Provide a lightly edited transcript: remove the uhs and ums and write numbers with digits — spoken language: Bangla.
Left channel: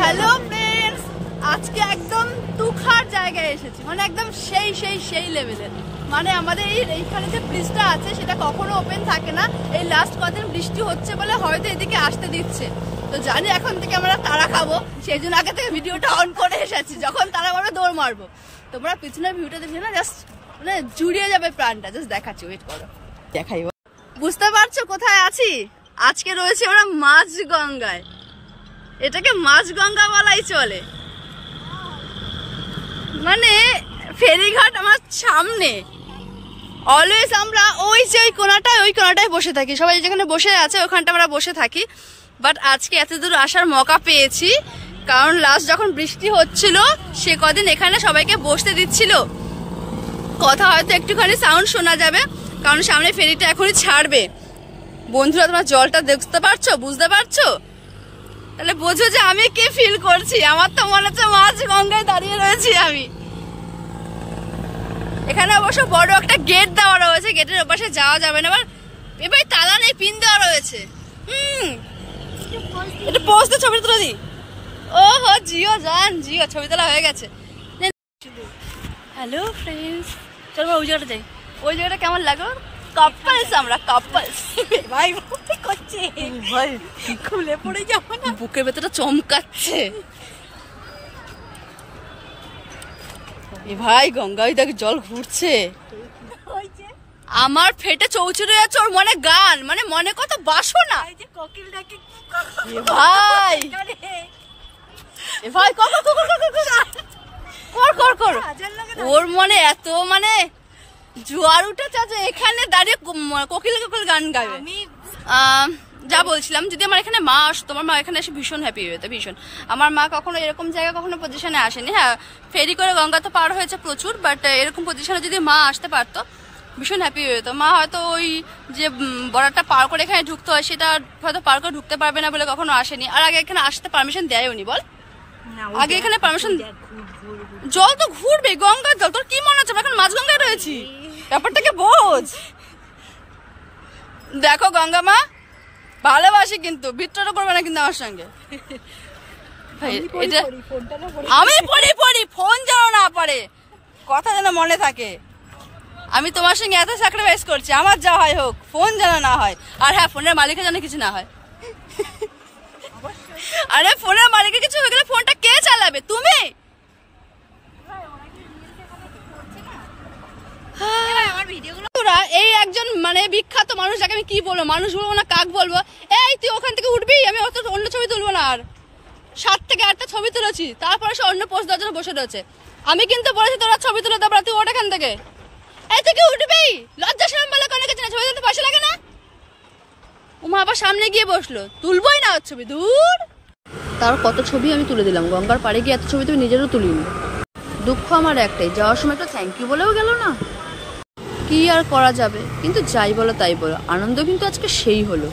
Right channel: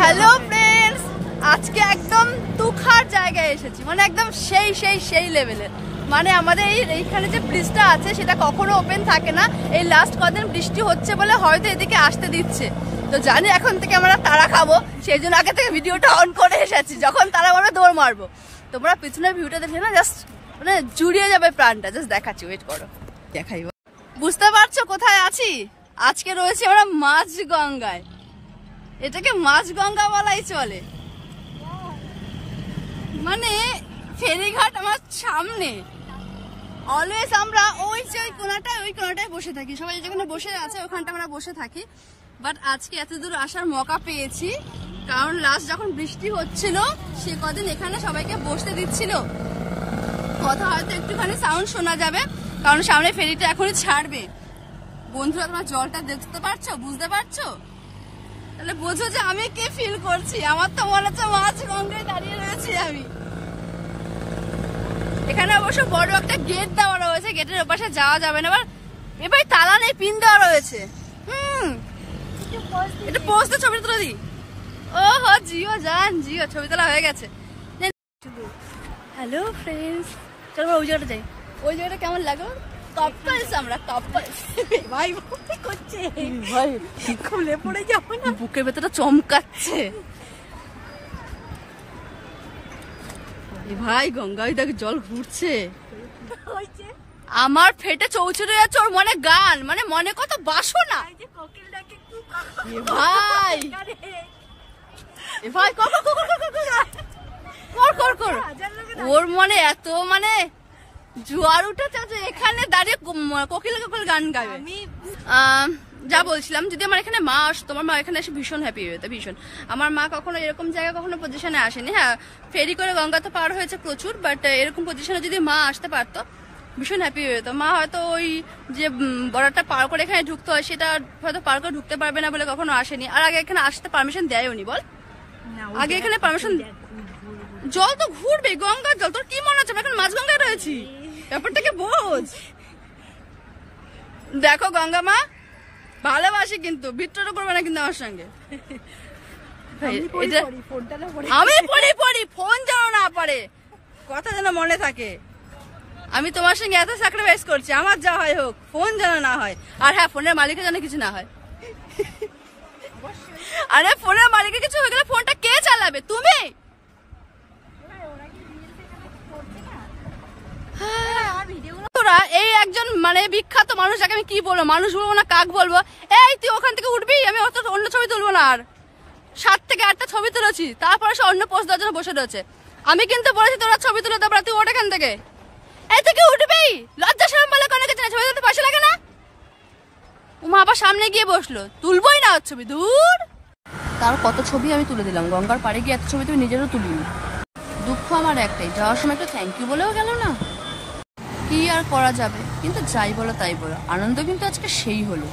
হ্যালো ফ্রেন্ডস, আজকে একদম তুখার জায়গায় এসেছি, মানে একদম সেই লেভেলের। মানে আমাদের এইখানে যে ব্রিজটা আছে সেটা কখনো ওপেন থাকে না। এই লাস্ট কদিন বৃষ্টি হচ্ছে বলে হয়তো এদিকে আসতে দিচ্ছে। তো জানি এখন থেকে আমরা তারা খাবো, সেই জন্য আগে থেকে ভিডিওটা অন করে এসেছি। যখন তারা বলে দৌড় মারবো, তোমরা পিছনের ভিউটা দেখে না জাস্ট মানে জুড়িয়ে যাবে প্রাণটা। জাস্ট দেখাচ্ছি, ওয়েট করো, দেখাই। বুঝতে পারছো কোথায় আছি? আজকে রয়েছে আমরা মাঝগঙ্গায়। এটাকে মাঝগঙ্গা বলাই চলে। মানে ফেরিঘাট আমার সামনে। অলওয়েজ আমরা ওই কোনাটায় বসে থাকি। সবাই যেখানে বসে আছে ওখানটা আমরা বসে থাকি। বাট আজকে এত দূর আসার মৌকা পেয়েছি কারণ লাস্ট যখন বৃষ্টি হচ্ছিল সে কদিন এখানে সবাইকে বসতে দিচ্ছিল। কথা হয়তো একটুখানি সাউন্ড শোনা যাবে কারণ সামনে ফেরিটা এখনই ছাড়বে। বন্ধুরা, তোমার জলটা দেখতে পারছো, বুঝতে পারছো? তাহলে বোঝো যে আমি কি ফিল করছি। আমার তো মনে হচ্ছে মাঝগঙ্গায় দাঁড়িয়ে রয়েছি আমি। এখানে অবশ্য বড় একটা গেট দেওয়া রয়েছে, গেটের ওপাশে যাওয়া যাবে না। এবার তালা নেই, পিন দেওয়া রয়েছে। এটা পোস্ট দিয়ে ছবি তুলে দিই। ও হো, জিও জান, জিও ছবি তোলা হয়ে গেছে। হ্যালো ফ্রেন্ডস, চলো ওই জায়গাটা যাই। ওই জায়গাটা কেমন লাগলো? কাপলস, আমরা কাপলস। ভাই করছে, ভাই খুলে পড়ে যাবো না, বুকের ভেতরটা চমকাচ্ছে। এ ভাই গঙ্গায় দেখ জল ঘুরছে। আমার ফেটে চৌচুরে যাচ্ছে ওর মনে গান, মানে মনে কত বাসনা। এ ভাই, এ ভাই কর ওর মনে এত মানে জোয়ার উঠেছে যে এখানে দাঁড়িয়ে কোকিল গান গাবে। যা বলছিলাম, যদি আমার এখানে মা আসতো, আমার মা এখানে এসে ভীষণ হ্যাপি হতো, ভীষণ। আমার মা কখনো এরকম জায়গা কখনো পজিশনে আসেনি। হ্যাঁ, ফেরি করে গঙ্গা তো পার হয়েছে প্রচুর, বাট এরকম পজিশনে যদি মা আসতে পারতো ভীষণ হ্যাপি হতো। মা হয়তো ওই যে বর্ডারটা পার করে এখানে ঢুকতে হয় সেটা হয়তো পার করে ঢুকতে পারবে না বলে কখনো আসেনি। আর আগে এখানে আসতে পারমিশন দেয়নি, বল? আগে এখানে পারমিশন, জল তো ঘুরবে, গঙ্গার জল। তোর কি মনে হচ্ছে এখন মাঝগঙ্গায় রয়েছি? ব্যাপারটাকে বোঝ। দেখো গঙ্গা মা ভালোবাসি, কিন্তু বিট্টুটা করবে না কিন্তু আমার সঙ্গে। আমি পড়ি ফোন যেন না পারে, কথা যেন মনে থাকে। আমি তোমার সঙ্গে এত স্যাক্রিফাইস করছি, আমার যা হয় হোক, ফোন যেন না হয়। আর হ্যাঁ, ফোনের মালিকের যেন কিছু না হয়। আরে ফোনের মালিকের কিছু হয়ে গেলে ফোনটা কে চালাবে? তুমি? এই একজন মানে বিখ্যাত মানুষ, যাকে আমি কি বলবো, মানুষ বলবো না কাক বলবো। এই তুই ওখান থেকে উঠবি, আমি অন্য ছবি তুলবো না। আর 7 থেকে 8টা ছবি তুলেছি, তারপরে সে অন্য পোস্ট দেওয়ার জন্য বসে দিয়েছে। আমি কিন্তু বলেছি তোরা ছবি তুলে দেবো, তুই ওঠ এখান থেকে। এই তুই কি উঠবি? লজ্জা শরম বলে কোনো কিছু না, ছবি তুলতে পয়সা লাগে না? উমা আবার সামনে গিয়ে বসলো, তুলবই না ওর ছবি, দূর। তার কত ছবি আমি তুলে দিলাম, গঙ্গার পাড়ে গিয়ে এত ছবি তুমি নিজেরও তুলিনি। দুঃখ আমার একটাই, যাওয়ার সময় একটু থ্যাংক ইউ বলেও গেল না। কি আর করা যাবে, কিন্তু যাই বলো তাই বলো, আনন্দ কিন্তু আজকে সেই হলো।